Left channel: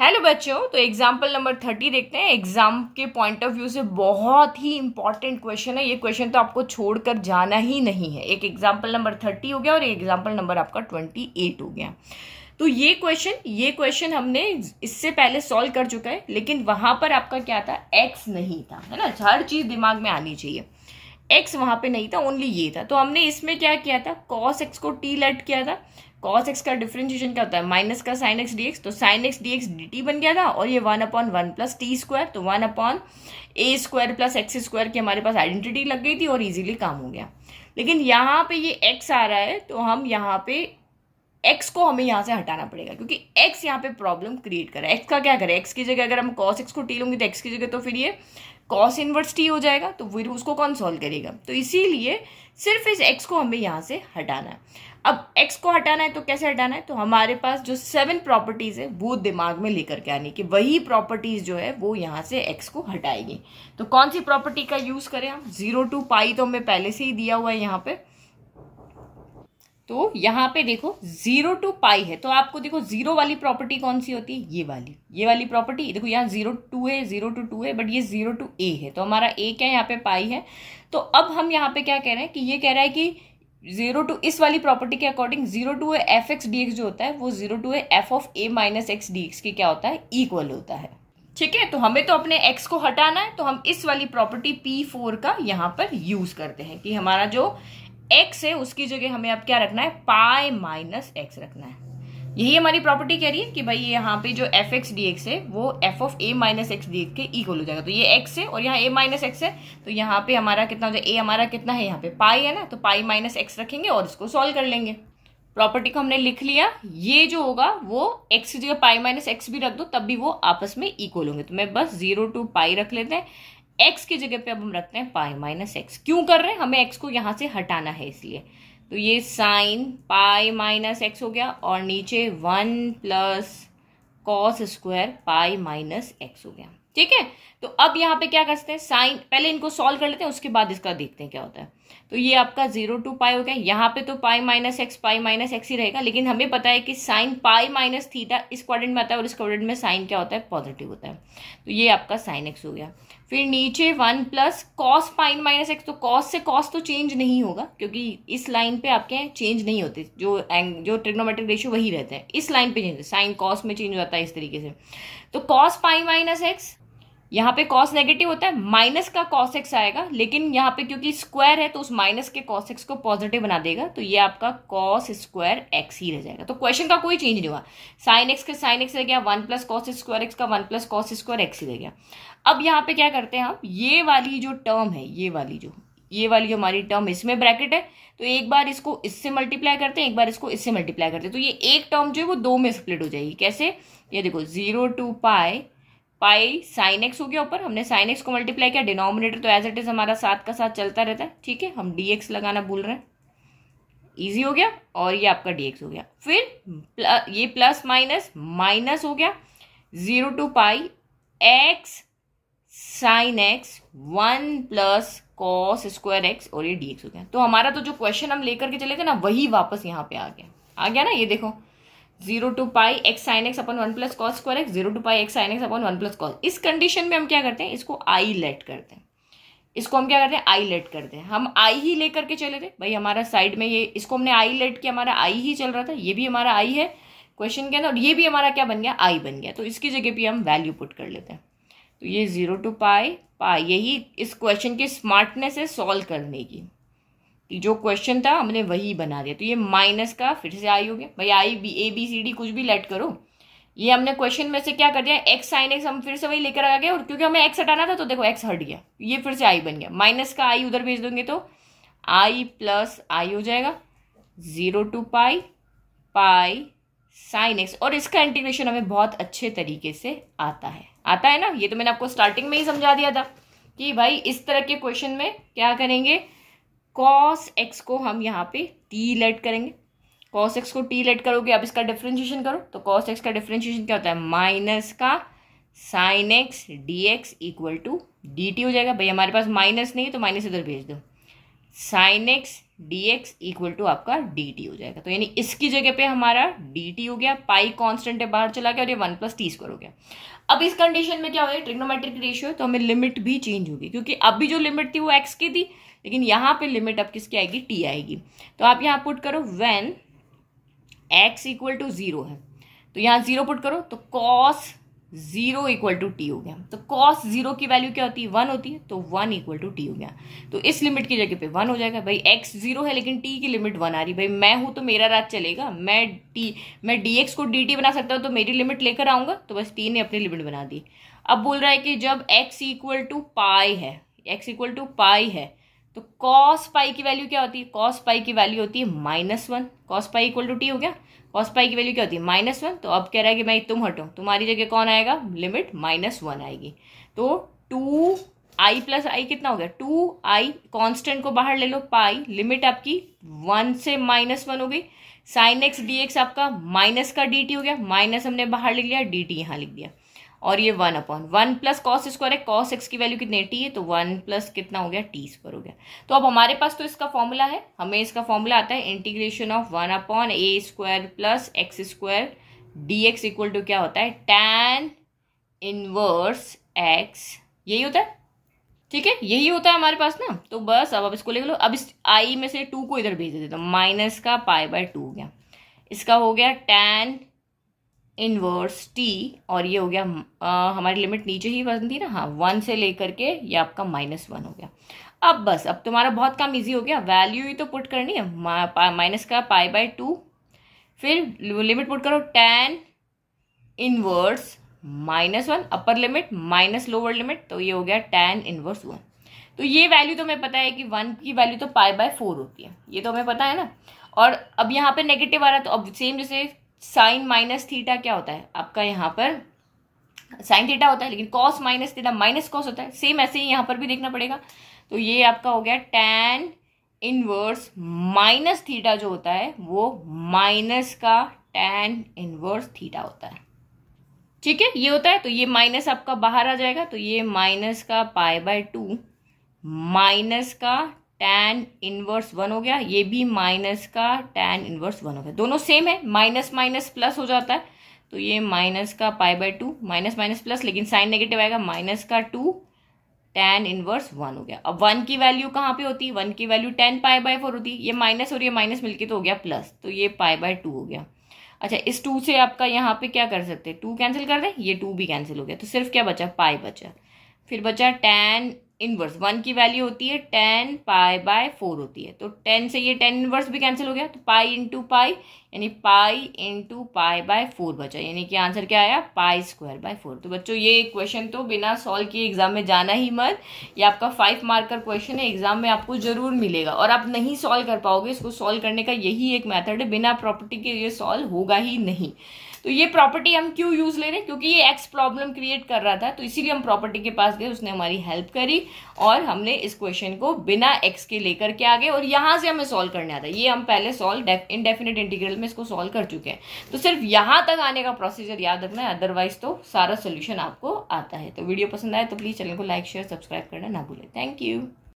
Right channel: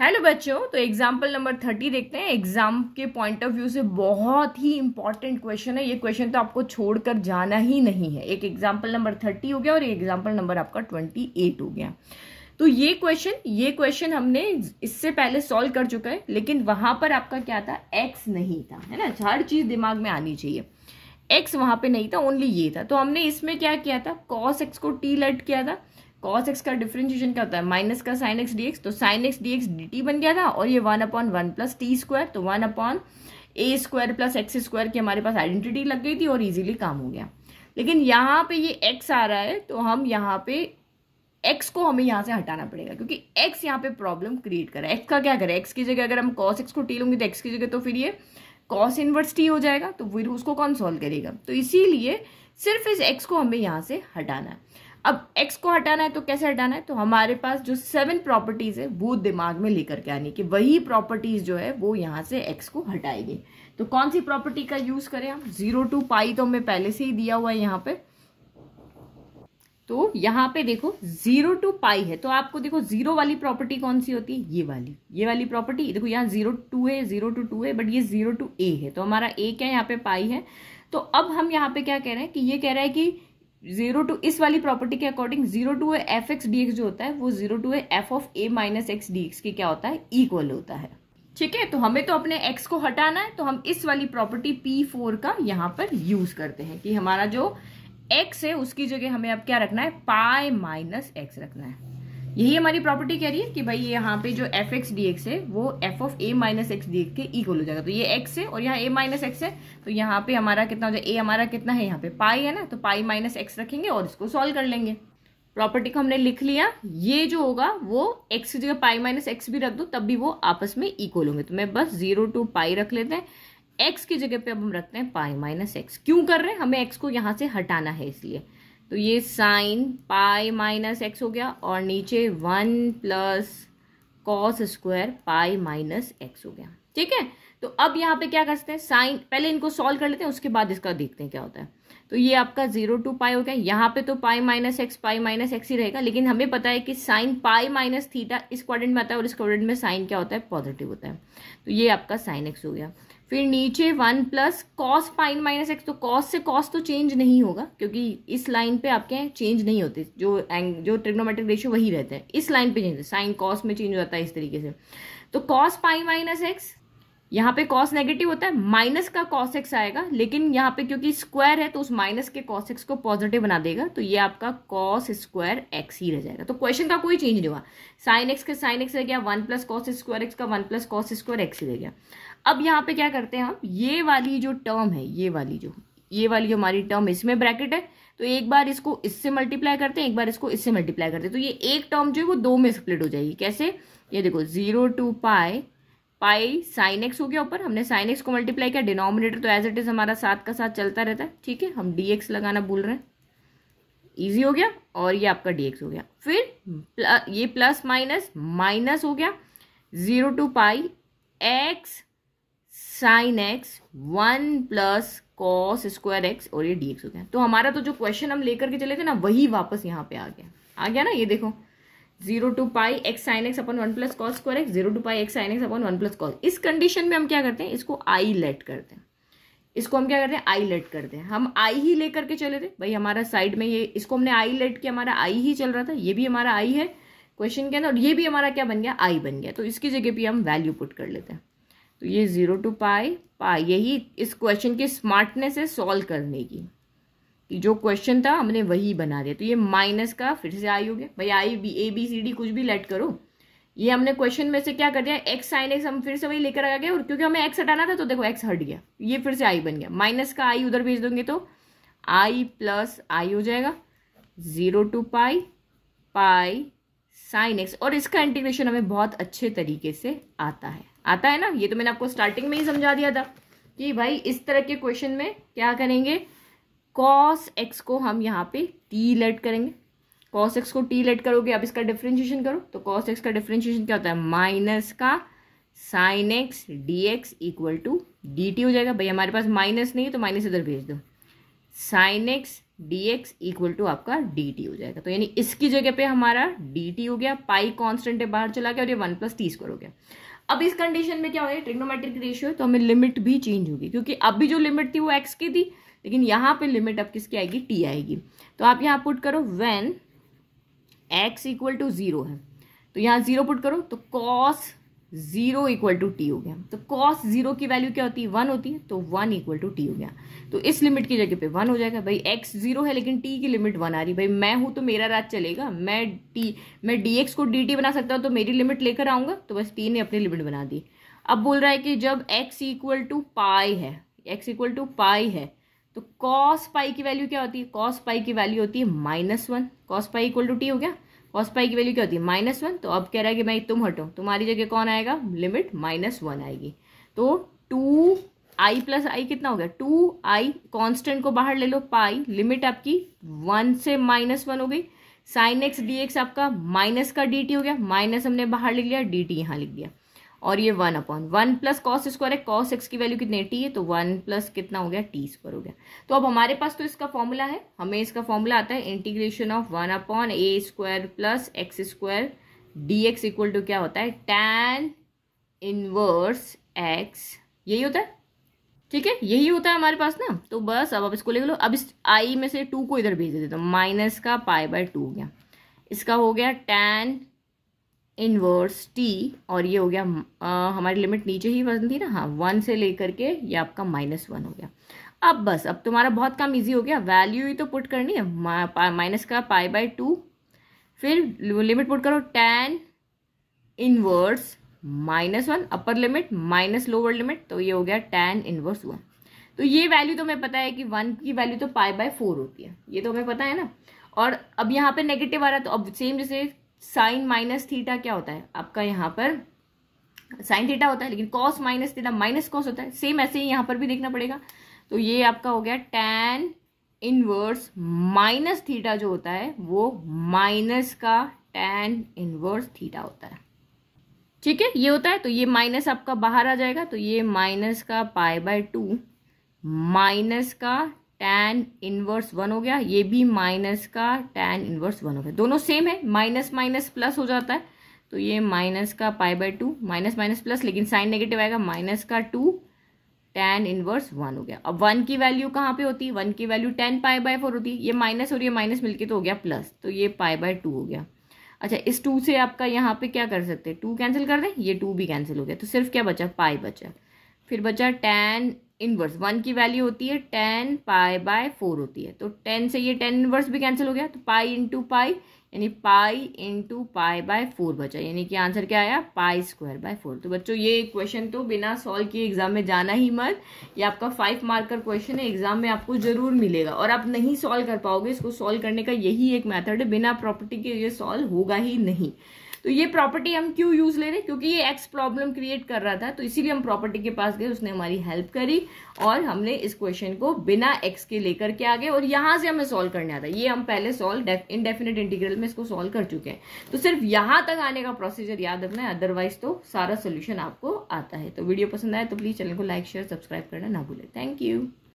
Hello बच्चों, तो example number 30 देखते हैं। एग्जाम के पॉइंट ऑफ व्यू से बहुत ही इंपॉर्टेंट क्वेश्चन है। ये क्वेश्चन तो आपको छोड़कर जाना ही नहीं है। एक एग्जाम्पल नंबर 30 हो गया और एक एग्जाम्पल नंबर आपका 28 हो गया। तो ये क्वेश्चन हमने इससे पहले सॉल्व कर चुका है, लेकिन वहां पर आपका क्या था, एक्स नहीं था, है ना। हर चीज दिमाग में आनी चाहिए। एक्स वहां पे नहीं था, ओनली ये था। तो हमने इसमें क्या किया था, कॉस एक्स को टी लेट किया था। कॉस एक्स का डिफरेंशिएशन क्या होता है, माइनस का साइन एक्स डीएक्स। तो साइन एक्स डीएक्स डी बन गया था और ये 1/1 प्लस टी स्क्वायर, तो 1/a² प्लस एक्स स्क्वायर की हमारे पास आइडेंटिटी लग गई थी और इजीली काम हो गया। लेकिन यहाँ पे ये एक्स आ रहा है, तो हम यहाँ पे एक्स को हमें यहाँ से हटाना पड़ेगा, क्योंकि एक्स यहाँ पे प्रॉब्लम क्रिएट कर रहा है। एक्स का क्या करें, एक्स की जगह अगर हम कॉस एक्स को टी लूंगी तो एक्स की जगह तो फिर ये कॉस इनवर्स टी हो जाएगा, तो फिर उसको कौन सॉल्व करेगा। तो इसीलिए सिर्फ इस एक्स को हमें यहाँ से हटाना है। अब एक्स को हटाना है तो कैसे हटाना है, तो हमारे पास जो 7 प्रॉपर्टीज है वो दिमाग में लेकर के आने की, वही प्रॉपर्टीज जो है वो यहाँ से एक्स को हटाएगी। तो कौन सी प्रॉपर्टी का यूज करें हम, 0 to पाई तो हमें पहले से ही दिया हुआ है यहाँ पे। तो यहाँ पे देखो 0 to पाई है, तो आपको देखो जीरो वाली प्रॉपर्टी कौन सी होती है, ये वाली प्रॉपर्टी। देखो यहाँ 0 to है, 0 to 2 है, बट ये 0 to a है, तो हमारा a क्या है, यहाँ पे पाई है। तो अब हम यहाँ पे क्या कह रहे हैं कि ये कह रहा है कि 0 to इस वाली प्रॉपर्टी के according 0 to F x D x जो होता है वो 0 to F of a minus x D x के क्या होता है, इक्वल होता है। ठीक है, तो हमें तो अपने x को हटाना है, तो हम इस वाली प्रॉपर्टी P4 का यहाँ पर यूज करते हैं कि हमारा जो x है उसकी जगह हमें अब क्या रखना है, पाई माइनस एक्स रखना है। यही हमारी प्रॉपर्टी कह रही है कि भाई यहाँ पे जो एफ एक्स डी एक्स है वो F of a minus x D x के इक्वल हो जाएगा। तो ये x है और यहाँ a माइनस एक्स है, तो यहाँ पे हमारा कितना हो जाएगा, a हमारा कितना है, यहाँ पे पाई है ना, तो पाई माइनस एक्स रखेंगे और उसको सॉल्व कर लेंगे। प्रॉपर्टी को हमने लिख लिया। ये जो होगा वो x की जगह पाई माइनस एक्स भी रख दो, तब भी वो आपस में इक्वल होंगे। तो मैं बस 0 to पाई रख लेते हैं। x की जगह पे अब हम रखते हैं पाई माइनस एक्स। क्यों कर रहे हैं, हमें x को यहां से हटाना है इसलिए। तो ये साइन पाई माइनस एक्स हो गया और नीचे 1 plus cos square pi minus x हो गया। ठीक है, तो अब यहाँ पे क्या करते हैं, साइन पहले इनको सॉल्व कर लेते हैं, उसके बाद इसका देखते हैं क्या होता है। तो ये आपका 0 to पाई हो गया। यहाँ पे तो पाई माइनस एक्स ही रहेगा, लेकिन हमें पता है कि साइन पाई माइनस थीटा इस क्वाड्रेंट में आता है और इस क्वाड्रेंट में साइन क्या होता है, पॉजिटिव होता है। तो ये आपका साइन एक्स हो गया। फिर नीचे 1 plus cos pi minus x, तो कॉस से कॉस तो चेंज नहीं होगा, क्योंकि इस लाइन पे आपके चेंज नहीं होते, जो ट्रिग्नोमेट्रिक रेशियो वही रहते हैं। इस लाइन पे चेंज, साइन कॉस में चेंज हो जाता है इस तरीके से। तो कॉस पाई माइनस एक्स, यहाँ पे कॉस नेगेटिव होता है, माइनस का कॉस एक्स आएगा, लेकिन यहाँ पे क्योंकि स्क्वायर है तो उस माइनस के कॉस एक्स को पॉजिटिव बना देगा, तो ये आपका कॉस स्क्वायर एक्स ही रह जाएगा। तो क्वेश्चन का कोई चेंज नहीं हुआ। साइन एक्स का साइन एक्स रह गया, 1 प्लस कॉस स्क्वायर एक्स का 1 प्लस कॉस स्क्वायर एक्स ही रह गया। अब यहाँ पे क्या करते हैं हम, ये वाली जो टर्म है, ये वाली जो हमारी टर्म इसमें ब्रैकेट है, तो एक बार इसको इससे मल्टीप्लाई करते हैं, एक बार इसको इससे मल्टीप्लाई करते हैं, तो ये एक टर्म जो है वो 2 में स्प्लिट हो जाएगी। कैसे, ये देखो 0 to पाई साइन एक्स हो गया, ऊपर हमने साइन एक्स को मल्टीप्लाई किया, डिनोमिनेटर तो एज इट इज हमारा साथ का साथ चलता रहता है। ठीक है, हम dx लगाना भूल रहे हैं, इजी हो गया, और ये आपका dx हो गया। फिर ये प्लस माइनस माइनस हो गया, 0 to pi x sine x 1 plus cos square x और ये dx हो गया। तो हमारा तो जो क्वेश्चन हम लेकर के चले थे ना, वही वापस यहाँ पे आ गया ना। ये देखो 0 to pi x sine x upon 1 plus cos square x, 0 to pi x sine x upon 1 plus cos. इस कंडीशन में हम क्या करते हैं, इसको आई लेट करते हैं। इसको हम क्या करते हैं, आई लेट करते हैं। हम आई ही लेकर के चले थे भाई, हमारा साइड में ये, इसको हमने आई लेट किया, हमारा आई ही चल रहा था, ये भी हमारा आई है क्वेश्चन के अंदर, और ये भी हमारा क्या बन गया, आई बन गया। तो इसकी जगह पे हम वैल्यू पुट कर लेते हैं। तो ये 0 to पाई, यही इस क्वेश्चन की स्मार्टनेस है सॉल्व करने की। जो क्वेश्चन था हमने वही बना दिया। तो ये माइनस का फिर से आई हो गया भाई, I B A B C D कुछ भी लेट करो। ये हमने क्वेश्चन में से क्या कर दिया, एक्स साइन एक्स हम फिर से वही लेकर आ गए, और क्योंकि हमें एक्स हटाना था तो देखो एक्स हट गया, ये फिर से आई बन गया। माइनस का आई उधर भेज देंगे तो आई प्लस आई हो जाएगा, 0 to पाई साइन एक्स। और इसका इंटीग्रेशन हमें बहुत अच्छे तरीके से आता है ना। ये तो मैंने आपको स्टार्टिंग में ही समझा दिया था कि भाई इस तरह के क्वेश्चन में क्या करेंगे, cos x को हम यहाँ पे t लेट करेंगे। cos x को t लेट करोगे, अब इसका डिफरेंशिएशन करो, तो cos x का डिफरेंशिएशन क्या होता है, माइनस का sine x dx equal to dt हो जाएगा। भाई हमारे पास माइनस नहीं है तो माइनस इधर भेज दो, sine x dx equal to आपका dt हो जाएगा। तो यानी इसकी जगह पे हमारा dt हो गया, पाई कांस्टेंट है बाहर चला गया और ये 1 + t² हो गया। अब इस कंडीशन में क्या हो गया, ट्रिग्नोमेट्रिक रेशियो, तो हमें लिमिट भी चेंज होगी, क्योंकि अभी जो लिमिट थी वो x की थी, लेकिन यहाँ पे लिमिट अब किसकी आएगी, t आएगी। तो आप यहाँ पुट करो व्हेन x इक्वल टू 0 है, तो यहाँ 0 पुट करो तो cos 0 इक्वल टू टी हो गया। तो cos 0 की वैल्यू क्या होती है, 1 होती है, तो 1 इक्वल टू टी हो गया। तो इस लिमिट की जगह पे 1 हो जाएगा। भाई x 0 है लेकिन t की लिमिट 1 आ रही, भाई मैं हूं तो मेरा राज चलेगा, मैं dx को dt बना सकता हूं, तो मेरी लिमिट लेकर आऊंगा, तो बस t ने अपनी लिमिट बना दी। अब बोल रहा है कि जब x इक्वल टू पाई है, x इक्वल टू पाई है, तो cos पाई की वैल्यू क्या होती है, cos पाई की वैल्यू होती है -1, cos pi equal to t हो गया, cos पाई की वैल्यू क्या होती है -1। तो अब कह रहा है कि भाई तुम हटो, तुम्हारी जगह कौन आएगा, लिमिट -1 आएगी। तो 2i + i कितना हो गया, 2i, कांस्टेंट को बाहर ले लो, पाई, लिमिट आपकी 1 से -1 हो गई, sin x dx आपका माइनस का dt हो गया, माइनस हमने बाहर लिख लिया, dt यहाँ लिख दिया, और ये 1/1 + cos² है, cos x की वैल्यू कितनी है, t है, तो 1 + कितना हो गया, t² हो गया। तो अब हमारे पास तो इसका फॉर्मूला है, हमें इसका फॉर्मूला आता है integration of 1/a² + x² dx equal to क्या होता है, tan इनवर्स x, यही होता है, ठीक है, यही होता है हमारे पास ना। तो बस अब इसको लिख लो। अब इस i में से 2 को इधर भेज देते, तो -π/2 हो गया, इसका हो गया tan इनवर्स t, और ये हो गया हमारी लिमिट नीचे ही बनती ना, हाँ 1 से लेकर के ये आपका -1 हो गया। अब बस अब तुम्हारा बहुत काम इजी हो गया, वैल्यू ही तो पुट करनी है, -π/2, फिर लिमिट पुट करो tan inverse -1, upper limit minus lower limit, तो ये हो गया tan इनवर्स 1। तो ये वैल्यू तो हमें पता है कि 1 की वैल्यू तो π/4 होती है, ये तो हमें पता है ना। और अब यहाँ पे नेगेटिव आ रहा है, तो अब सेम जैसे साइन -θ क्या होता है आपका, यहाँ पर साइन थीटा होता है, लेकिन cos -θ माइनस कॉस होता है, सेम ऐसे ही यहाँ पर भी देखना पड़ेगा। तो ये आपका हो गया tan इनवर्स -θ जो होता है वो माइनस का tan इनवर्स θ होता है, ठीक है, ये होता है। तो ये माइनस आपका बाहर आ जाएगा, तो ये माइनस का π/2 माइनस का tan इनवर्स 1 हो गया, ये भी माइनस का tan इनवर्स 1 हो गया, दोनों सेम है, माइनस माइनस प्लस हो जाता है, तो ये माइनस का π/2 माइनस माइनस प्लस, लेकिन साइन नेगेटिव आएगा, माइनस का 2 tan इनवर्स 1 हो गया। अब 1 की वैल्यू कहाँ पे होती है, 1 की वैल्यू tan π/4 होती है, ये माइनस और ये माइनस मिलके तो हो गया प्लस, तो ये π/2 हो गया। अच्छा, इस 2 से आपका यहाँ पे क्या कर सकते हैं, 2 कैंसिल कर दें, ये 2 भी कैंसिल हो गया, तो सिर्फ क्या बचा, पाई बचा, फिर बचा tan इनवर्स 1 की वैल्यू होती है tan π/4 होती है, तो 10 से ये tan इनवर्स भी कैंसिल हो गया, तो पाई इंटू पाई यानी पाई इंटू π/4 बचा, यानी कि आंसर क्या आया, π²/4। तो बच्चों ये क्वेश्चन तो बिना सॉल्व किए एग्जाम में जाना ही मत, ये आपका 5 मार्क का क्वेश्चन है, एग्जाम में आपको जरूर मिलेगा, और आप नहीं सॉल्व कर पाओगे, इसको सॉल्व करने का यही एक मेथड है, बिना प्रॉपर्टी के ये सॉल्व होगा ही नहीं। तो ये प्रॉपर्टी हम क्यों यूज ले रहे हैं, क्योंकि ये एक्स प्रॉब्लम क्रिएट कर रहा था, तो इसीलिए हम प्रॉपर्टी के पास गए, उसने हमारी हेल्प करी और हमने इस क्वेश्चन को बिना एक्स के लेकर के आ गए, और यहां से हमें सॉल्व करने आता है। ये हम पहले सॉल्व इनडेफिनेट इंटीग्रल में इसको सॉल्व कर चुके हैं, तो सिर्फ यहां तक आने का प्रोसीजर याद रखना है, अदरवाइज तो सारा सोल्यूशन आपको आता है। तो वीडियो पसंद आए तो प्लीज चैनल को लाइक शेयर सब्सक्राइब करना ना भूलें। Thank you.